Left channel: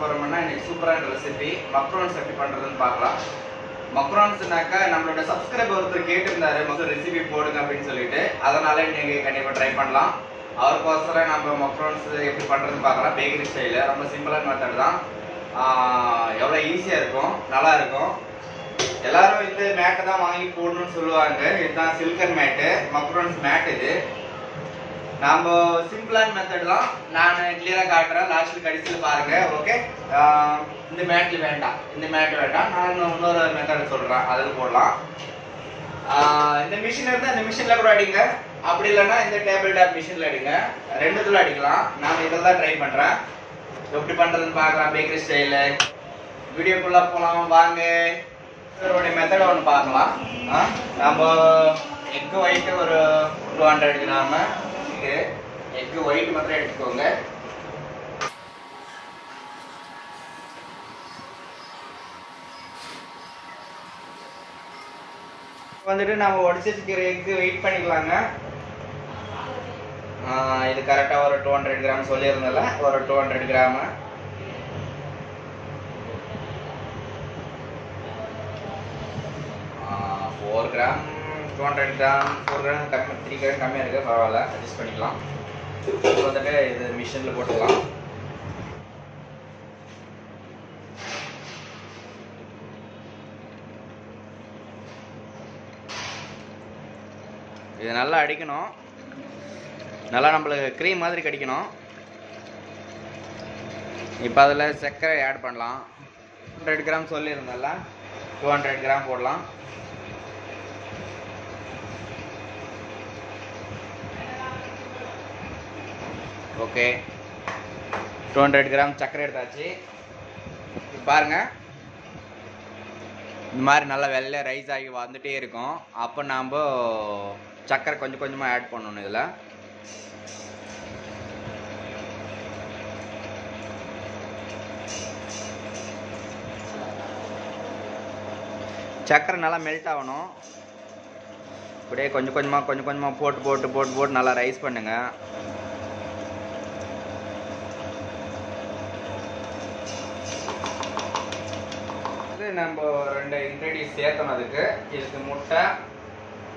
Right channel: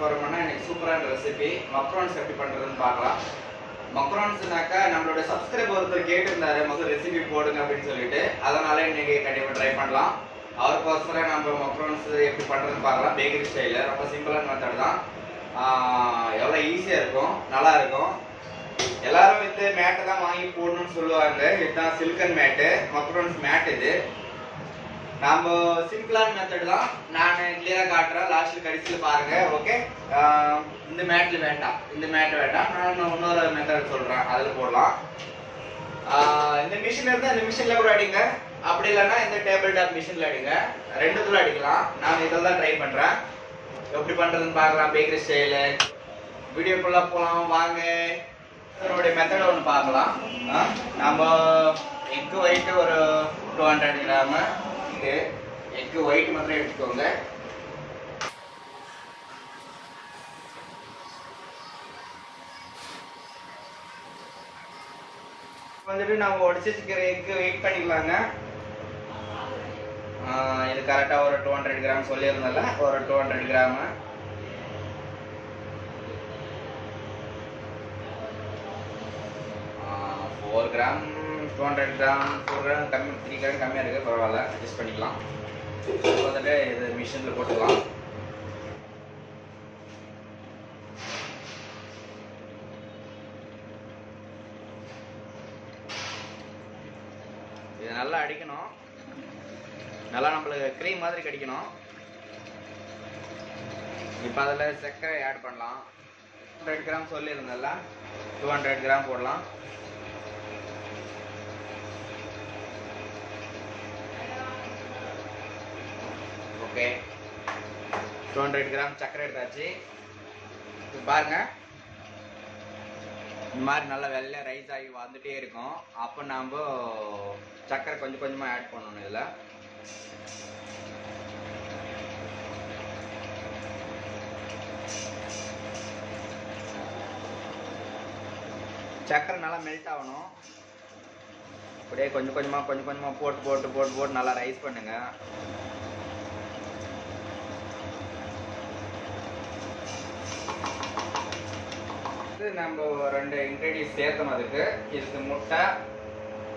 போறோம்னா இன்னைக்கு சூப்பரான ரெசிபி மக்ரோன்ஸ் எப்படி பண்றதுன்னு பார்க்கலாம். மக்ரோன்ஸ்னாக்கா நம்மளோட சப்ஸ்கிரைபர் ஒருத்தர் கேட்டிருந்தாரு முதல் ரெசிபி போடுங்க அப்படின்னு சொல்லிட்டு, அதனால இன்னைக்கு கண்டிப்பா ட்ரை பண்ணலாம். அவருக்கோசரம் நம்ம மக்ரோன்ஸ் எப்படி பண்றதுன்னு பார்க்கலாம். பேக்கரி ஸ்டைல ரொம்ப சிம்பிளான மெத்தட் தான். எவ்வளோ ஈஸியா இருக்கும், நல்லா இருக்கும். எல்லாரும் இது மேட்டை தான் வாங்கி போடணும்னு சொல்லுவாங்க. இதுதான் சில்கன் மேட்டு, மக்ரோன்ஸ் மேட். இது நம்ம சிம்பிளான மெத்தட் தான். நான் கிளியரா காட்டுறேன், லாஸ்ட்ல கடைசியில் பாருங்க. ஓகே, இந்த மேட்ல வேண்டாம், இந்த மேட் வேண்டாம். நான் இன்னொரு மெத்தட் சொல்றேன், அதில் போடலாம். இந்த மிஷின் இருந்தால் இந்த மிஷின்ல கூட அடிங்க, அப்படி இல்லைன்னா இந்த டேபிள் டாப் மிஷின்ல அடிங்க. ரெண்டுத்துல அடிக்கலாம். நான் இதில் தான் ட்ரை பண்றேன். எப்படி பண்றதுன்னு பார்க்கலாம் பேக்கரி ஸ்டைல. வீடியோக்குள்ள போலாம் வாங்க. இதோட மெத்தட் ஒன்று பார்க்கலாம். நம்ம எக் ஒயிட் ஒரு 200 கிராம் எக் ஒயிட் மாத்திரம் எடுத்துக்கோங்க. வந்துட்டு நம்ம உடச்சி வச்சுக்கிற எக் வெயிட் பண்ணிக்கலாங்க. இது கரெக்டா ஒரு 200 கிராம் சொல்லியிருந்தல, ஒரு 200 கிராம். ஒரு கிராம் 200 கிராம் 4 கிராம் கம்மி, 3 கிராம் கம்மியாக இருக்குது, பரவாயில்ல, அட்ஜஸ்ட் பண்ணிக்கலாம். வந்துட்டு இது மிஷினில் போட்டுக்கலாம். இது நல்லா அடிக்கணும், நல்லா நம்மளுக்கு க்ரீம் மாதிரி கிடைக்கணும். இப்போ அதில் சர்க்கரை ஆட் பண்ணலாம். 100 கிராம் சொல்லியிருந்தல, 200 கிராம் போடலாம். ஓகே, 200 கிராம் சர்க்கரை எடுத்தாச்சு. பாருங்க, இந்த மாதிரி நல்லா வெள்ளை ரைஸ் ஆகி வந்துட்டே இருக்கும். அப்போ நாம் சர்க்கரை கொஞ்சம் கொஞ்சமாக ஆட் பண்ணணும். இதில் சர்க்கரை நல்லா மெல்ட் ஆகணும். அப்படியே கொஞ்சம் கொஞ்சமாக போட்டு நல்லா ரைஸ் பண்ணுங்க. நம்ம 2 இன்க்ரீடியன்ஸ் சேர்த்தணும் அதுக்கு. இதுக்கு முட்டை,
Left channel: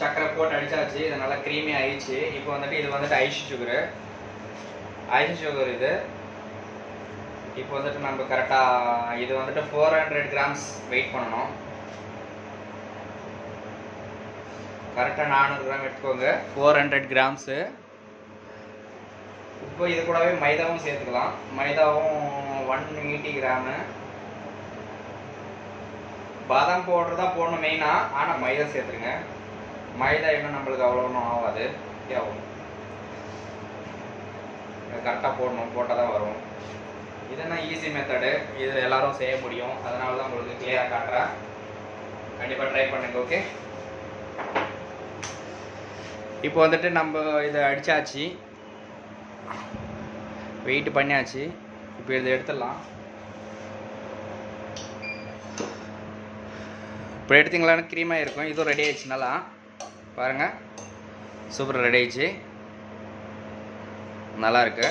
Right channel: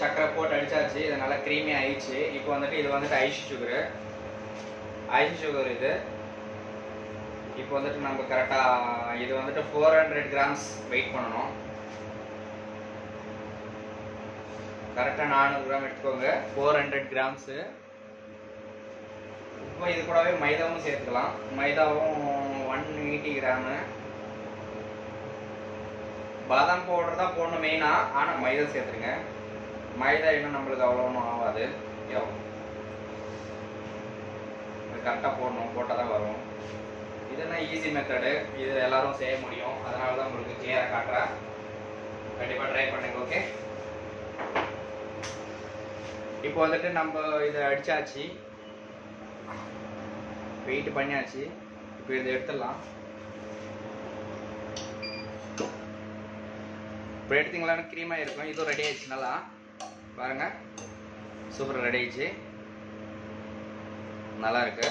சக்கரை போட்டு அடிச்சாச்சு. இது நல்லா க்ரீமி ஆயிடுச்சு. இப்போ வந்துட்டு இது வந்துட்டு ஐஸ் சுகர் இது. இப்போ வந்துட்டு நம்ம கரெக்டாக இது வந்துட்டு 400 கிராம்ஸ் வெயிட் பண்ணணும். கரெக்டாக 400 கிராம் எடுத்துக்கோங்க, 400 கிராம்ஸு. இப்போ இது கூடவே மைதாவும் சேர்த்துக்கலாம். மைதாவும் 180 கிராமு. பாதாம் பவுடர் தான் போடணும் மெயினாக, ஆனால் மைதா சேர்த்துருங்க. மைதா இன்னும் நம்மளுக்கு அவ்வளோ ஒன்றும் ஆகாது. கரெக்டாக போடணும், போட்டால் தான் வரும். இதுதான் ஈஸி மெத்தடு, இது எல்லாரும் செய்ய முடியும். அதனால தான் உங்களுக்கு கிளியராக காட்டுறேன். கண்டிப்பாக ட்ரை பண்ணுங்க. ஓகே, இப்போ வந்துட்டு நம்ம இதை அடித்தாச்சு, வெயிட் பண்ணியாச்சு. இப்போ இதை எடுத்துடலாம். இப்போ எடுத்தீங்களான்னு க்ரீமாக இருக்கும். இதுவும் ரெடி ஆயிடுச்சு. நல்லா பாருங்கள், சூப்பர் ரெடி ஆயிடுச்சு, நல்லா இருக்கு.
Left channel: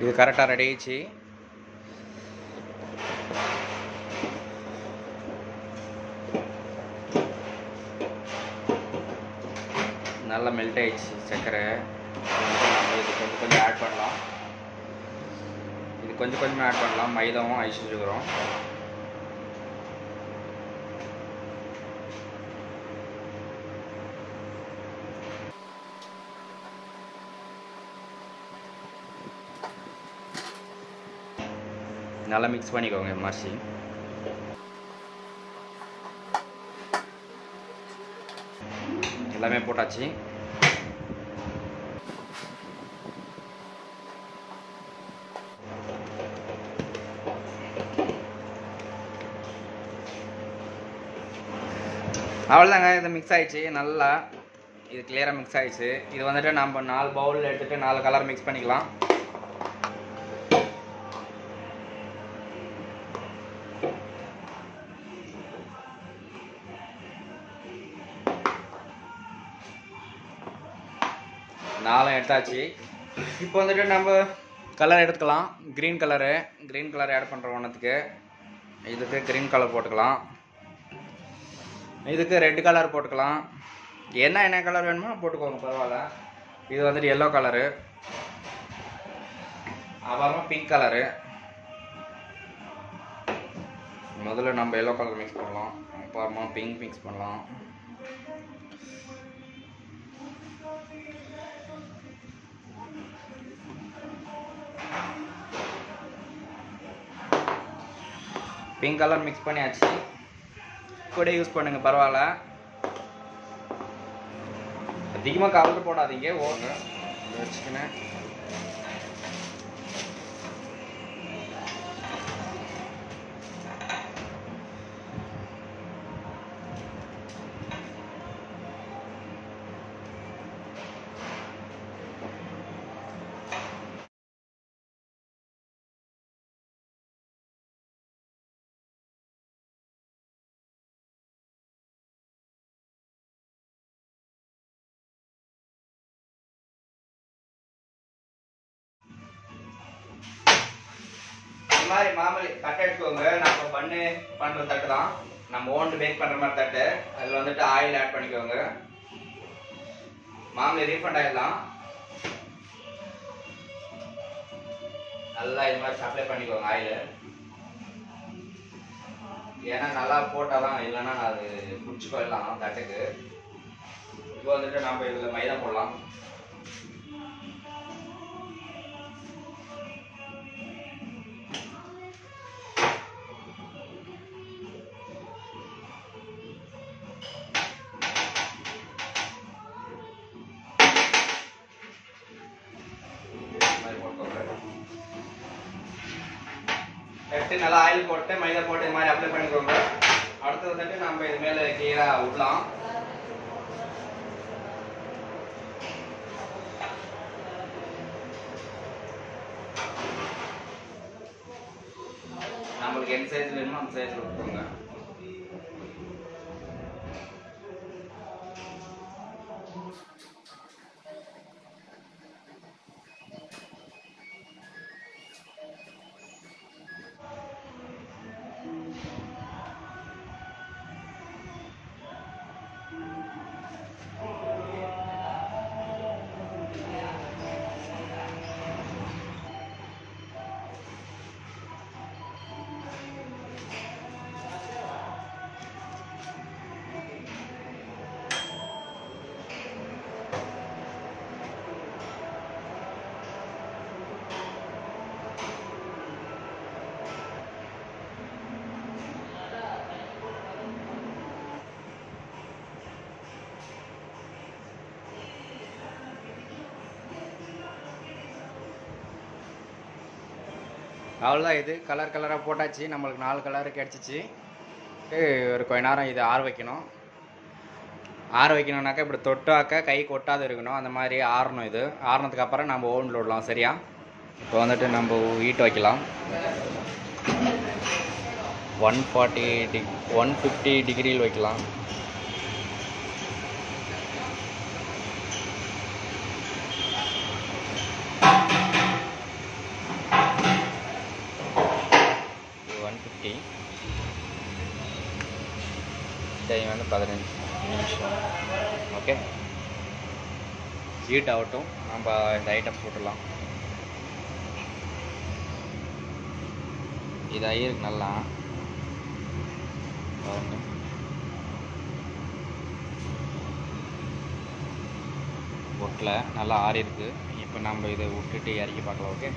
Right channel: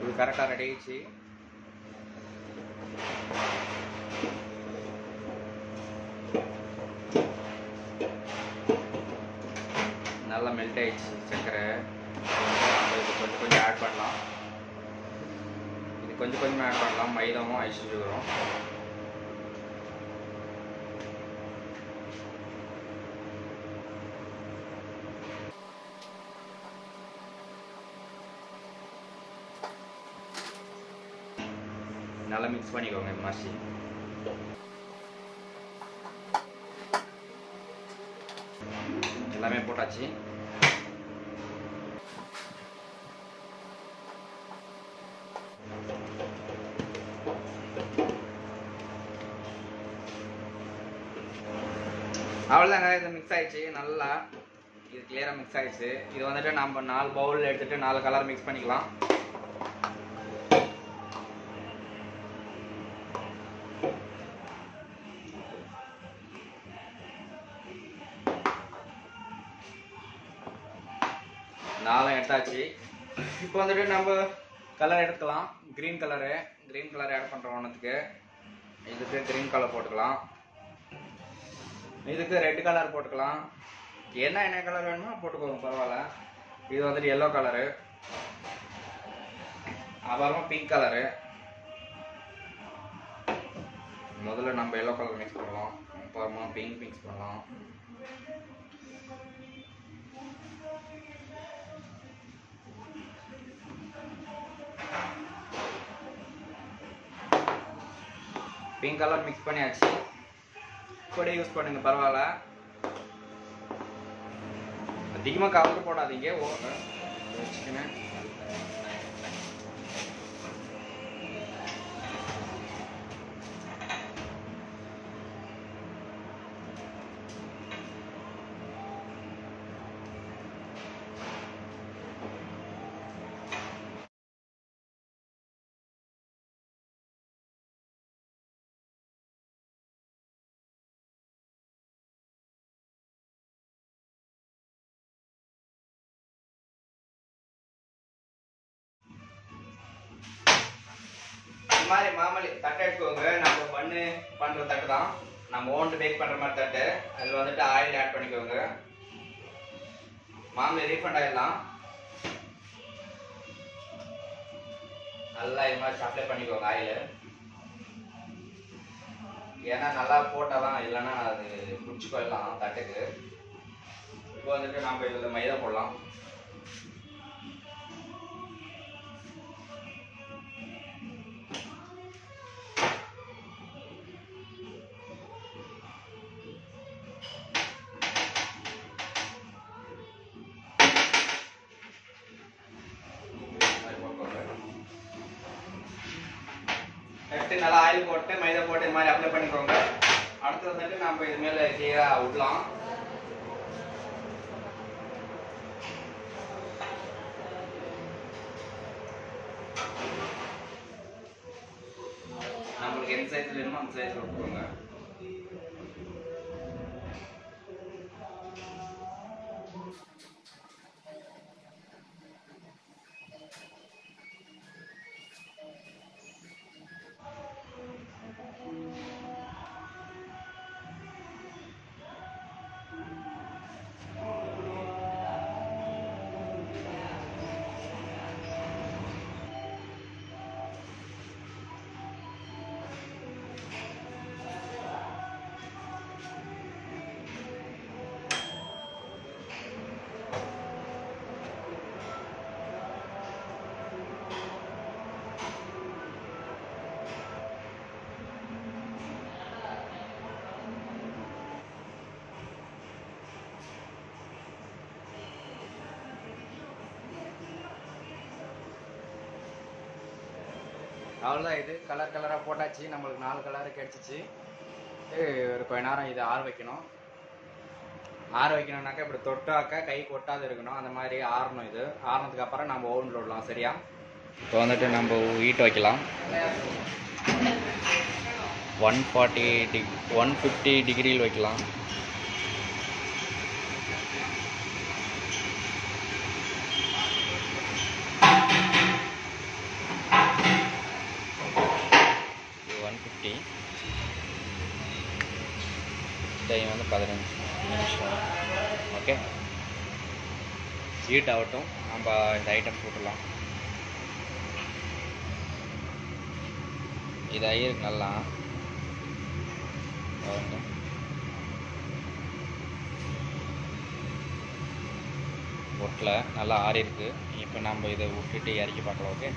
இது கரெக்டாக ரெடி ஆயிடுச்சு. நல்லா மெல்ட் ஆயிடுச்சு சர்க்கரை. இது கொஞ்சம் ஆட் பண்ணலாம். கொஞ்சம் ஆட் பண்ணலாம். மைதாவும் ஐஸ் சுகரும். நல்லா மிக்ஸ் பண்ணிக்கோங்க. மர்சி எல்லாமே போட்டாச்சு. அவ்வளோதாங்க, இது மிக்ஸ் ஆயிடுச்சு. நல்லா இது கிளியராக மிக்ஸ் ஆயிடுச்சு. இது வந்துட்டு நம்ம 4 பவுல் எடுத்துட்டு 4 கலர் மிக்ஸ் பண்ணிக்கலாம். எடுத்தாச்சு. இப்போ வந்துட்டு நம்ம கலர் எடுத்துக்கலாம். க்ரீன் கலர் ஆட் பண்ணுறோம். ஒன்றுத்துக்கு இதுக்கு க்ரீன் கலர் போட்டுக்கலாம், இதுக்கு ரெட் கலர் போட்டுக்கலாம். என்ன கலர் வேணுமோ போட்டுக்கோங்க, பரவாயில்ல. இது வந்துட்டு எல்லோ கலரு, அப்புறமா பிங்க் கலரு. முதல்ல நம்ம எல்லோ கலர் மிக்ஸ் பண்ணலாம், அப்புறமா பிங்க் மிக்ஸ் பண்ணலாம். பிங்க் கலர் மிக்ஸ் பண்ணியாச்சு. கூட யூஸ் பண்ணுங்க, பரவாயில்ல. அதிகமாக கலர் போடாதீங்க. ஓகே வச்சுக்கினேன். இந்த மாதிரி மாமூலி தட்டை எடுத்துக்கோங்க. நம்ம பண்ணுற தட்டு தான், நம்ம ஓன் பேக் பண்ணுற மாதிரி தட்டு. அதில் வந்துட்டு ஆயில் ஆட் பண்ணிக்கோங்க. மாமூலி ரீஃபண்ட் ஆயில் தான். நல்லா இது மாதிரி சப்ளை பண்ணிக்கோங்க ஆயில். ஏன்னா நல்லா போட்டால் தான், இல்லைன்னா அது குடிச்சு போயிடலாம் தட்டுக்கு. இப்போ வந்துட்டு நம்ம இதில் மைதா போடலாம். எடுத்து நல்லா ஆயில் போட்டு மைதா போட்டு இது மாதிரி அப்ளை பண்ணிக்கோங்க. அடுத்து வந்துட்டு நம்ம இது மேலே கீழே விடலாம். நம்மளுக்கு எந்த சைஸ் வேணுமோ அந்த சைஸ் விட்டுக்கோங்க. அவ்வளோதான். இது கலராக போட்டாச்சு. நம்மளுக்கு 4 கலரு கிடச்சிச்சு. ஒரு கொஞ்ச நேரம் இதை ஆற வைக்கணும். ஆற வைக்கணும்னாக்கா இப்படி தொட்டாக்கா கை கொட்டாது இருக்கணும். அந்த மாதிரி ஆறணும். இது ஆறினதுக்கு அப்புறம் நம்ம ஓவனில் விடலாம். சரியா? இப்போ வந்துட்டு நம்ம ஹீட் வைக்கலாம். 150 டிகிரியில் வைக்கலாம். டைம் வந்து 15 நிமிஷம். ஓகே, ஹீட் ஆகட்டும். நம்ம இந்த ஐட்டம் போட்டுடலாம். இது ஆயிருக்கு நல்லா. ஒட்டில் நல்லா ஆறி இருக்கு. இப்போ நம்ம இதை விட்டுட்டு இறக்கி பார்க்கலாம். ஓகே,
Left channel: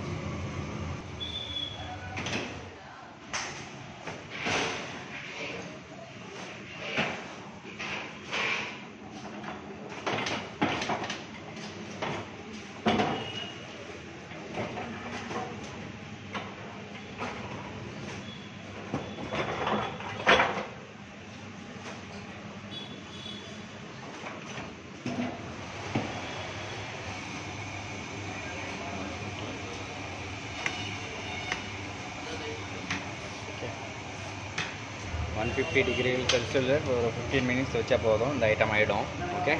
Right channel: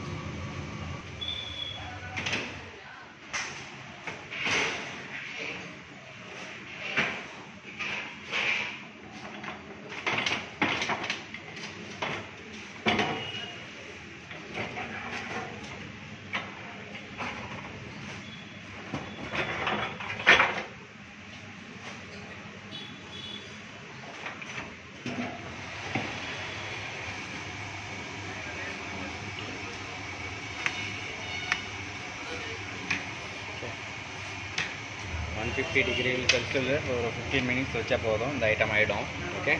ஓகே 150 டிகிரி செல்சியஸில் ஒரு 15 மினிட்ஸ் வச்சா போதும். இந்த ஐட்டம் ஆகிடும். ஓகே,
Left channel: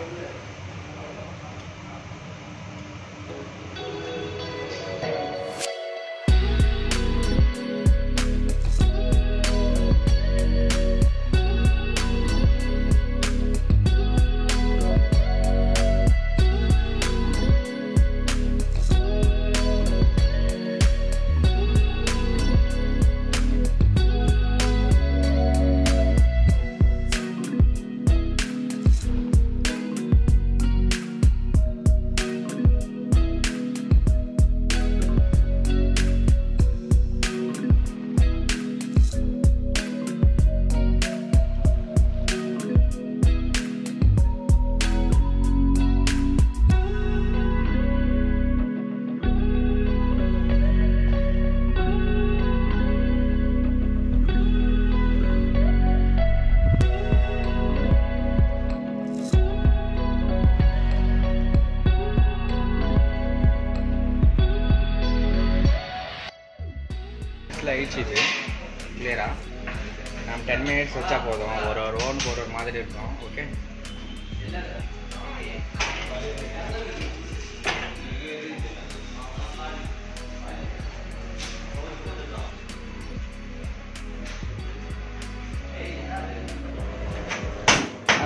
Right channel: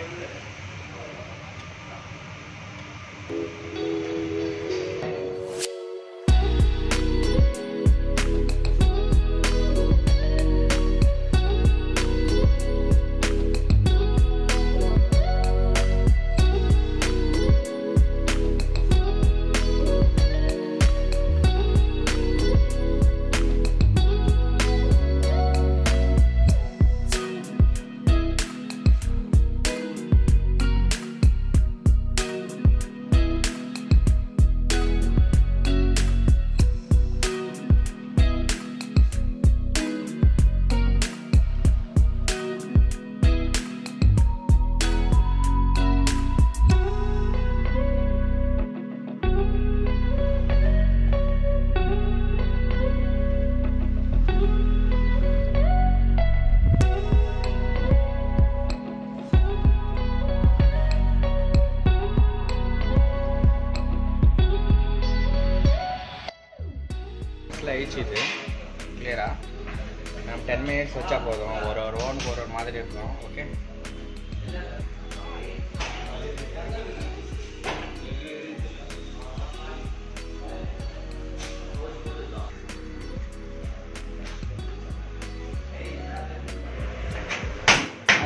மினிட்ஸில் ஆயிடுச்சு இது கிளியராக. நம்ம 10 மினிட்ஸ் வச்சா போதும். ஒரு ஓனுக்கு ஒரு மாதிரி இருக்கும். ஓகே,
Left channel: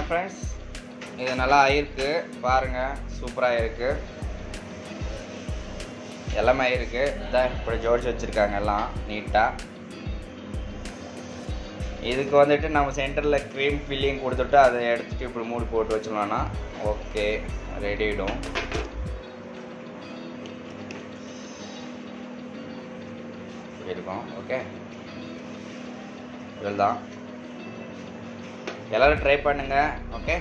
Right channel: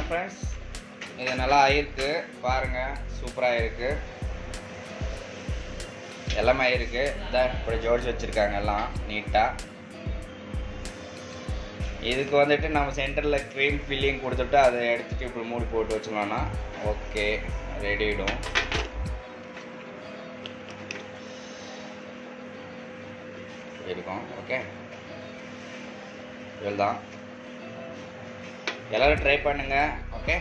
ஃப்ரெண்ட்ஸ் இது நல்லா ஆயிருக்கு பாருங்கள், சூப்பராக இருக்குது, எல்லாமே ஆயிருக்கு. இதான் இப்படி ஜோடிச்சு வச்சுருக்காங்க எல்லாம் நீட்டாக. இதுக்கு வந்துட்டு நம்ம சென்டரில் க்ரீம் ஃபில்லிங் கொடுத்துட்டு அதை எடுத்துகிட்டு இப்படி மூடி போட்டு வச்சோம்னா ஓகே ரெடி ஆகிடும். இருக்கும். ஓகே, இதுதான். எல்லோரும் ட்ரை பண்ணுங்கள். ஓகே.